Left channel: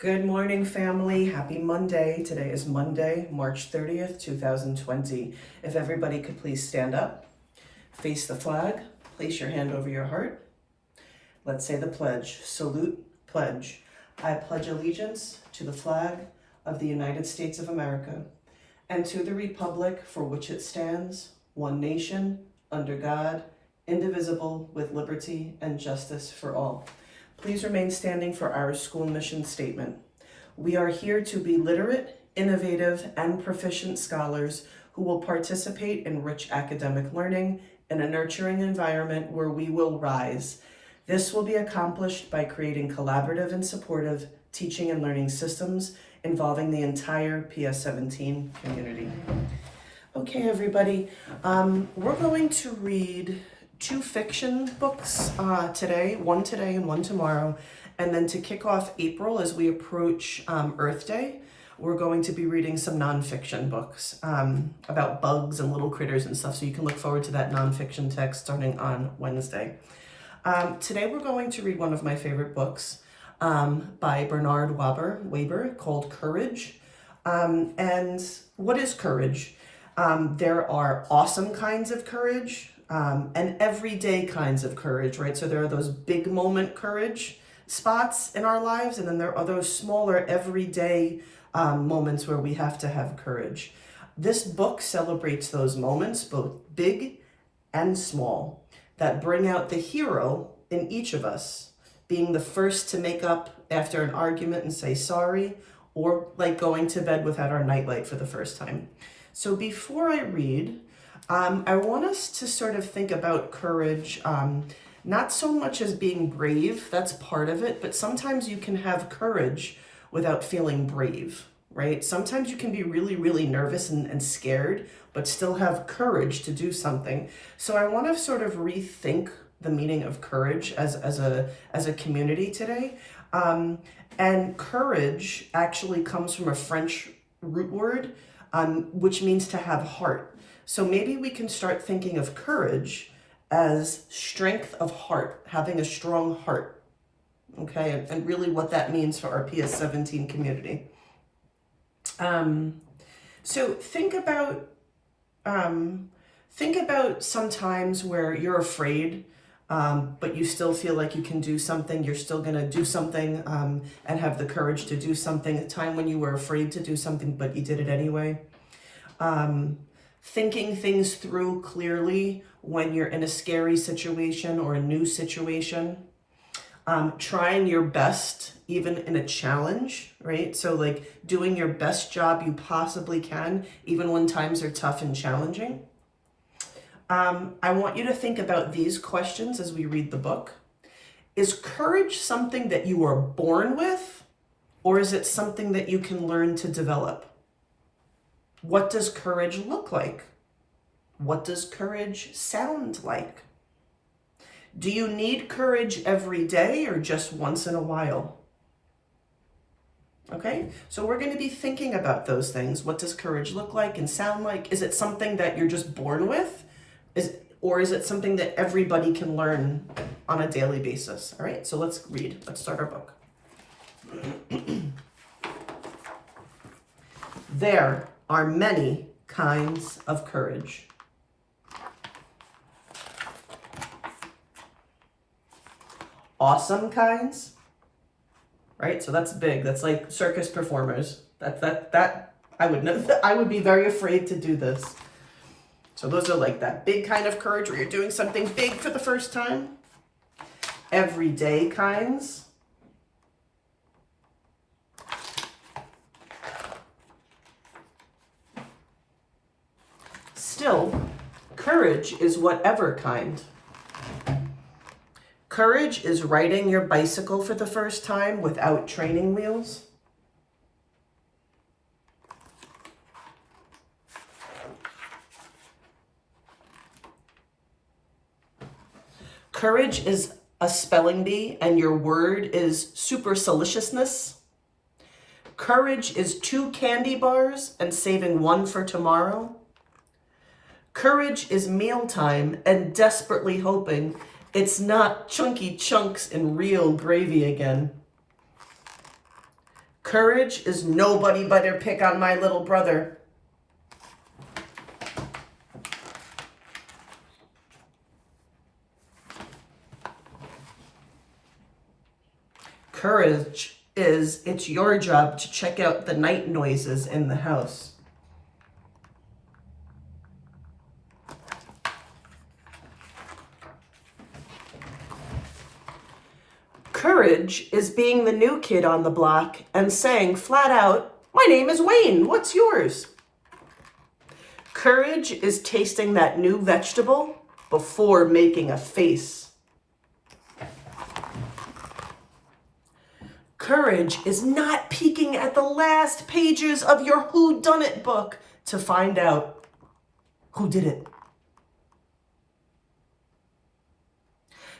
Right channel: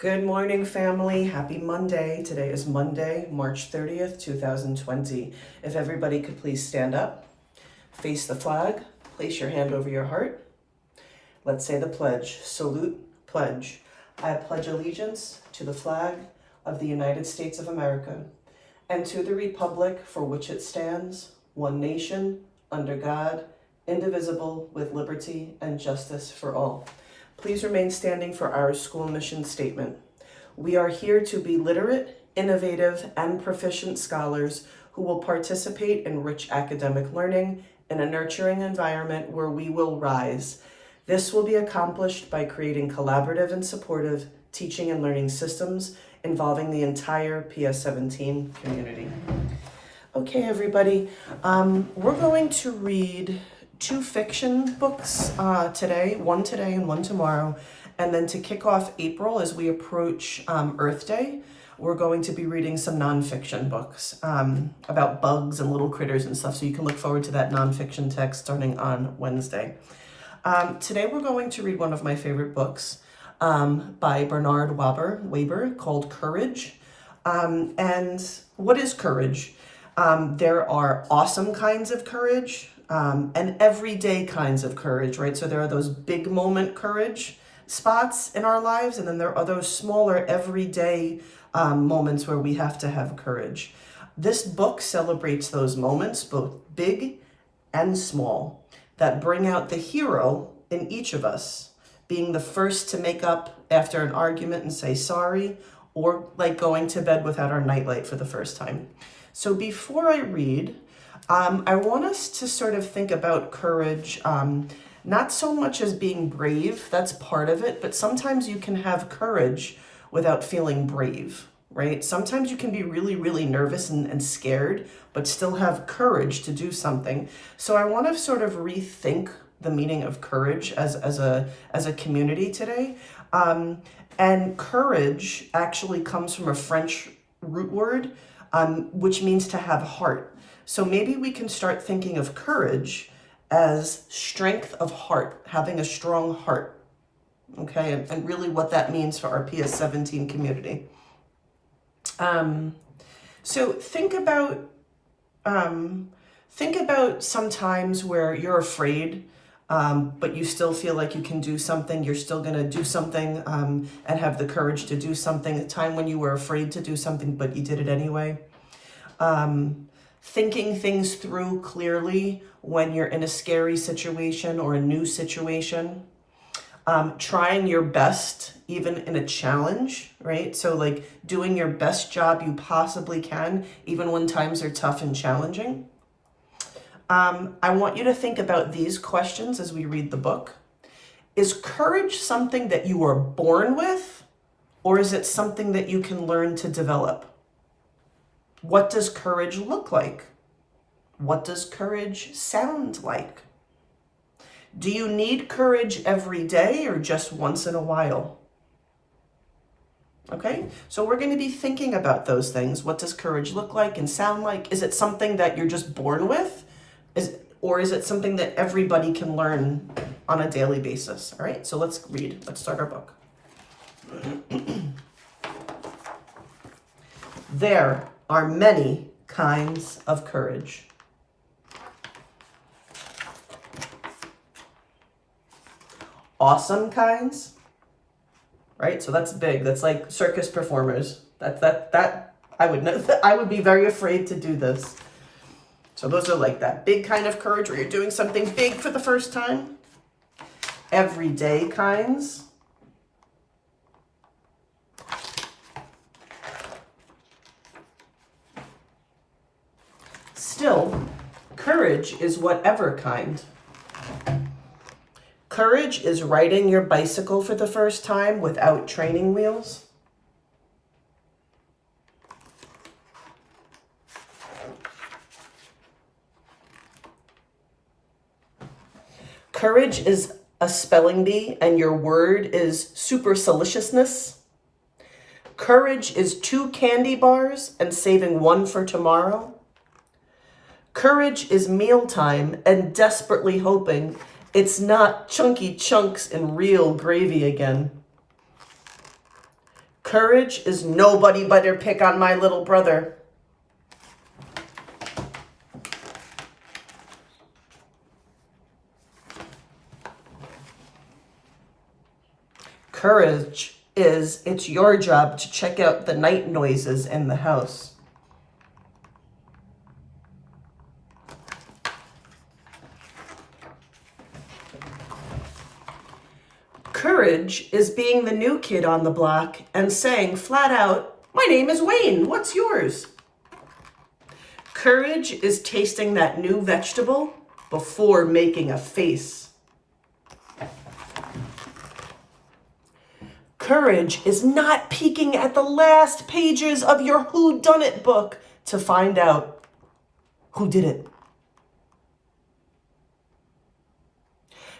Good morning, family. Happy Monday. Today is Monday, March 30th, 2020. If everybody could please stand up, face the flag, place your hand over your heart. Let's say the pledge. Salute, pledge. I pledge allegiance to the flag of the United States of America and to the republic for which it stands, one nation, under God, indivisible, with liberty and justice for all. Please remain standing for our school mission statement. We are here to be literate, innovative, and proficient scholars who will participate in rich academic learning in a nurturing environment where we will rise. This will be accomplished by creating collaborative and supportive teaching and learning systems involving the entire PS17 community. Okay, everybody, we're going to read two fiction books today and one tomorrow. And then to kick off April as we approach Earth Day, we're going to be reading some nonfiction books about bugs and little critters and stuff. So you can look forward to that nonfiction text starting on Wednesday. Today we're going to read one of my favorite books by Bernard Waber called Courage. And what is courage? There are awesome kinds of courage and everyday kinds of courage, right? So there are those big moment courage spots in our lives, and then there are those smaller everyday moments where we have to have courage. This book celebrates those moments, both big and small, that bring out the hero in each of us, being the first to make up after an argument and say sorry, or like going to bed without our nightlight for the first time. So before I read, I want us to sort of think about courage, not so much as being brave, that's part of it, but sometimes you can have courage without feeling brave, right? Sometimes you can be really, really nervous and scared, but still have courage to do something. So I want to sort of rethink the meaning of courage as a community today. And courage actually comes from a French root word, which means to have heart. So maybe we can start thinking of courage as strength of heart, having a strong heart, okay? And really what that means for our PS17 community. So think about some times where you're afraid, but you still feel like you can do something. You're still gonna do something and have the courage to do something. A time when you were afraid to do something, but you did it anyway. Thinking things through clearly when you're in a scary situation or a new situation. Trying your best even in a challenge, right? So like doing your best job you possibly can, even when times are tough and challenging. I want you to think about these questions as we read the book. Is courage something that you are born with, or is it something that you can learn to develop? What does courage look like? What does courage sound like? Do you need courage every day or just once in a while? Okay, so we're going to be thinking about those things. What does courage look like and sound like? Is it something that you're just born with? Or is it something that everybody can learn on a daily basis? All right, so let's read. Let's start our book. There are many kinds of courage. Awesome kinds, right? So that's big. That's like circus performers. That I would be very afraid to do this. So those are like that big kind of courage where you're doing something big for the first time. Everyday kinds. Still, courage is whatever kind. Courage is riding your bicycle for the first time without training wheels. Courage is a spelling bee and your word is superciliousness. Courage is 2 candy bars and saving 1 for tomorrow. Courage is mealtime and desperately hoping it's not chunky chunks and real gravy again. Courage is nobody better pick on my little brother. Courage is it's your job to check out the night noises in the house. Courage is being the new kid on the block and saying flat out, "My name is Wayne, what's yours?" Courage is tasting that new vegetable before making a face. Courage is not peeking at the last pages of your whodunit book to find out who did it.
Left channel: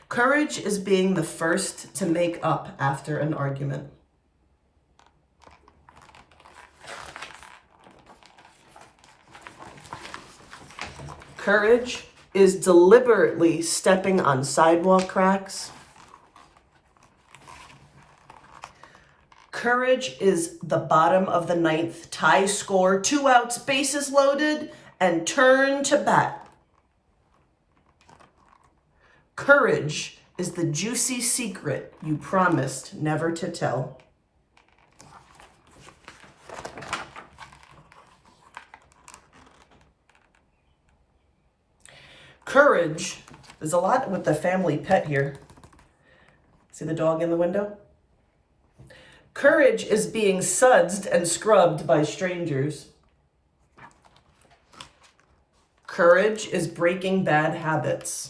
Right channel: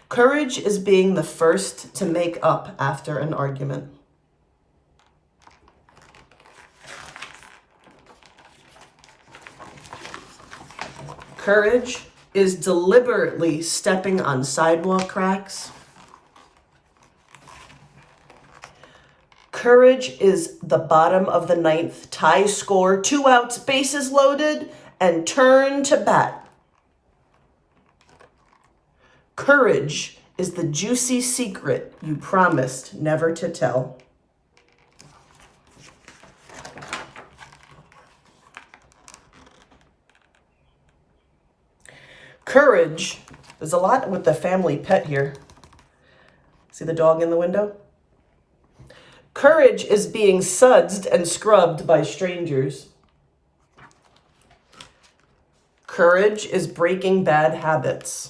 Courage is being the first to make up after an argument. Courage is deliberately stepping on sidewalk cracks. Courage is the bottom of the ninth, tie score, 2 outs, bases loaded, and turn to bat. Courage is the juicy secret you promised never to tell. Courage, there's a lot with the family pet here. See the dog in the window? Courage is being sudsed and scrubbed by strangers. Courage is breaking bad habits.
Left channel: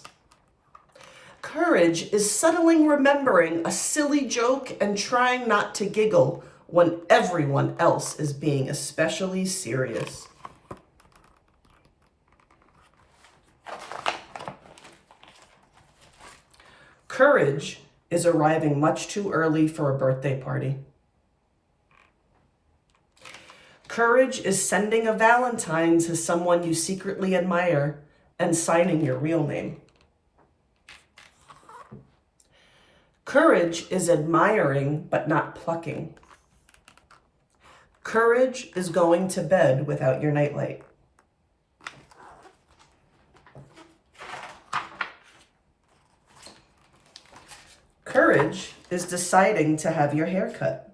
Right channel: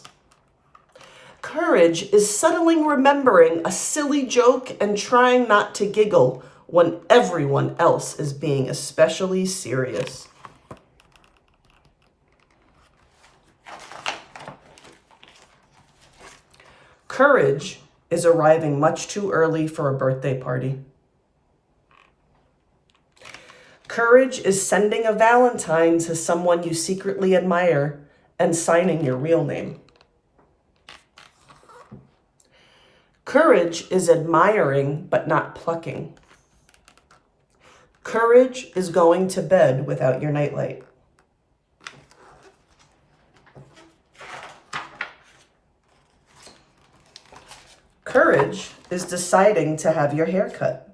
Courage is subtly remembering a silly joke and trying not to giggle when everyone else is being especially serious. Courage is arriving much too early for a birthday party. Courage is sending a Valentine to someone you secretly admire and signing your real name. Courage is admiring but not plucking. Courage is going to bed without your nightlight. Courage is deciding to have your hair cut.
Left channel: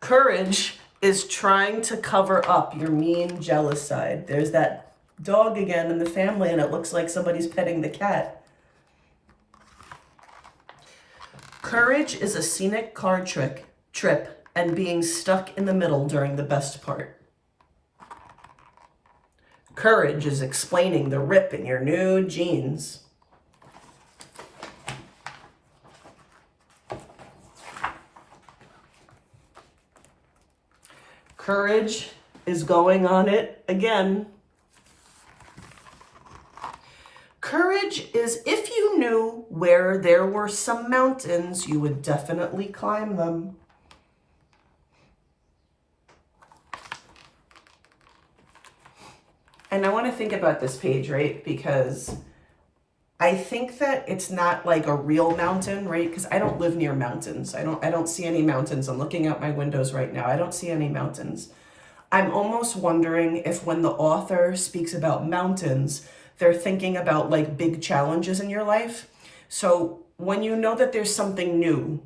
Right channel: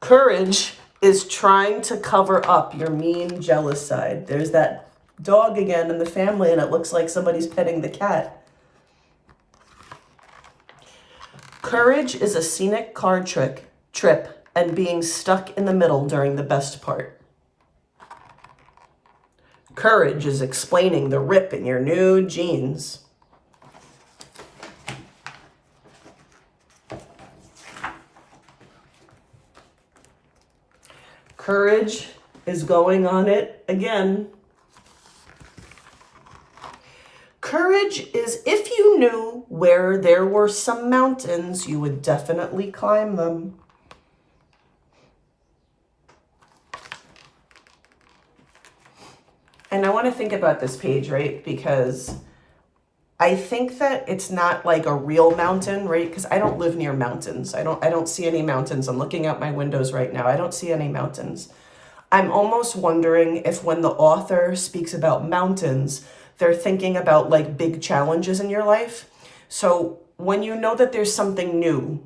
Courage is trying to cover up your mean, jealous side. There's that dog again in the family, and it looks like somebody's petting the cat. Courage is a scenic car trip and being stuck in the middle during the best part. Courage is explaining the rip in your new jeans. Courage is going on it again. Courage is if you knew where there were some mountains, you would definitely climb them. And I want to think about this page, right? Because I think that it's not like a real mountain, right? Because I don't live near mountains. I don't see any mountains. I'm looking out my windows right now. I don't see any mountains. I'm almost wondering if when the author speaks about mountains, they're thinking about like big challenges in your life. So when you know that there's something new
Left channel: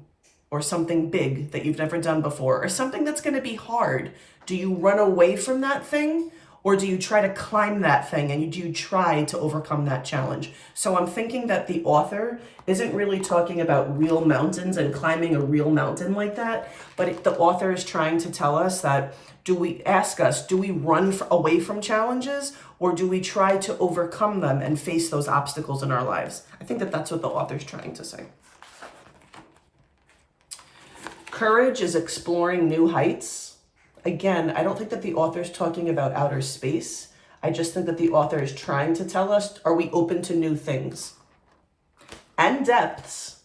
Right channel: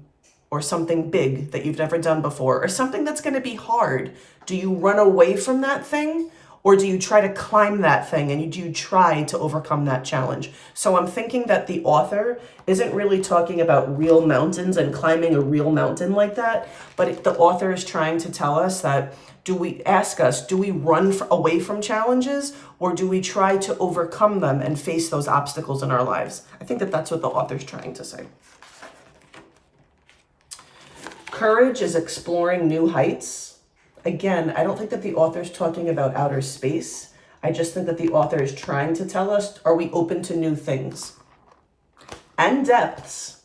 or something big that you've never done before or something that's going to be hard, do you run away from that thing? Or do you try to climb that thing and do you try to overcome that challenge? So I'm thinking that the author isn't really talking about real mountains and climbing a real mountain like that, but the author is trying to tell us that do we run away from challenges or do we try to overcome them and face those obstacles in our lives? I think that that's what the author's trying to say. Courage is exploring new heights. Again, I don't think that the author's talking about outer space. I just think that the author is trying to tell us, are we open to new things? And depths.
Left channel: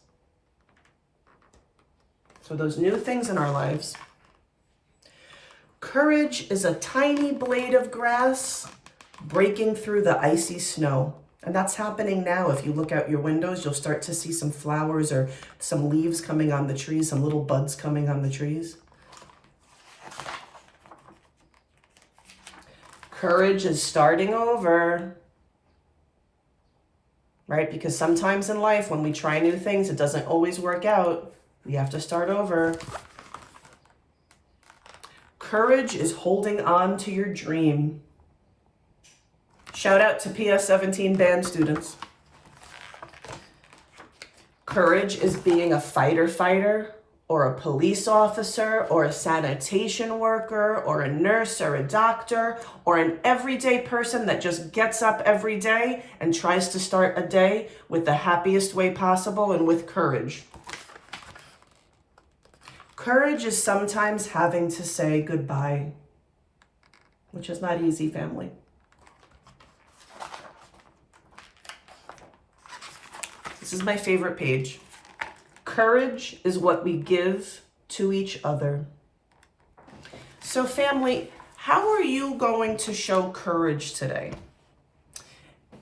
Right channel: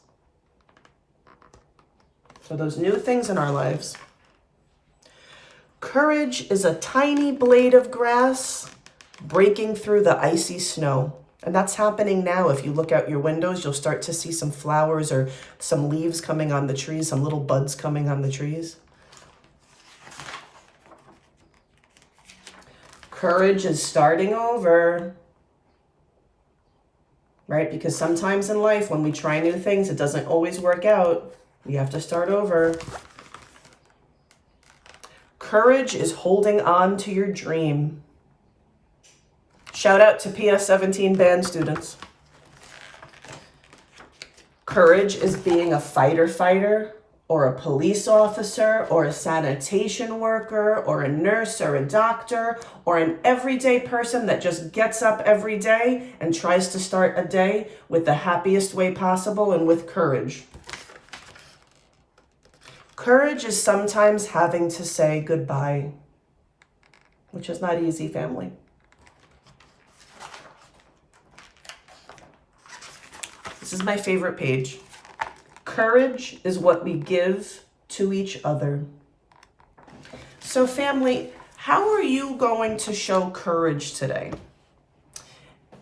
So those new things in our lives. Courage is a tiny blade of grass breaking through the icy snow. And that's happening now. If you look out your windows, you'll start to see some flowers or some leaves coming on the trees, some little buds coming on the trees. Courage is starting over, right? Because sometimes in life, when we try new things, it doesn't always work out. We have to start over. Courage is holding on to your dream. Shout out to PS17 band students. Courage is being a fighter, or a police officer, or a sanitation worker, or a nurse, or a doctor, or an everyday person that just gets up every day and tries to start a day with the happiest way possible and with courage. Courage is sometimes having to say goodbye, which is not easy, family. This is my favorite page. Courage is what we give to each other. So family, how are you going to show courage today?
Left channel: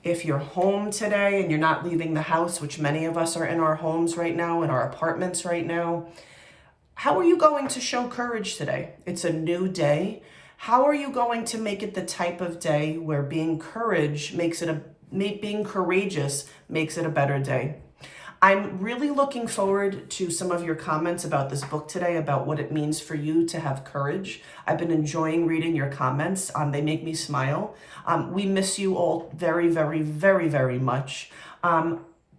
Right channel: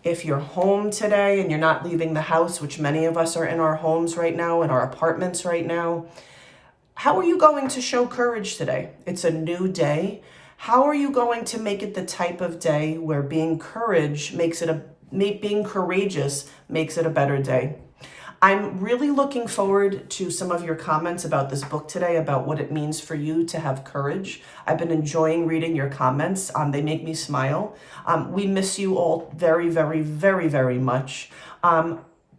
If you're home today and you're not leaving the house, which many of us are in our homes right now, in our apartments right now, how are you going to show courage today? It's a new day. How are you going to make it the type of day where being courageous makes it a better day? I'm really looking forward to some of your comments about this book today, about what it means for you to have courage. I've been enjoying reading your comments. They make me smile. We miss you all very, very, very, very much.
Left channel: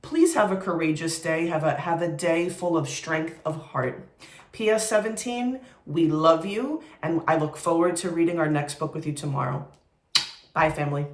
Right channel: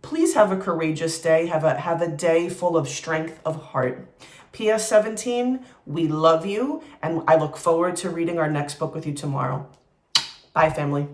Please have a courageous day. Have a day full of strength of heart. PS17, we love you, and I look forward to reading our next book with you tomorrow. Bye, family.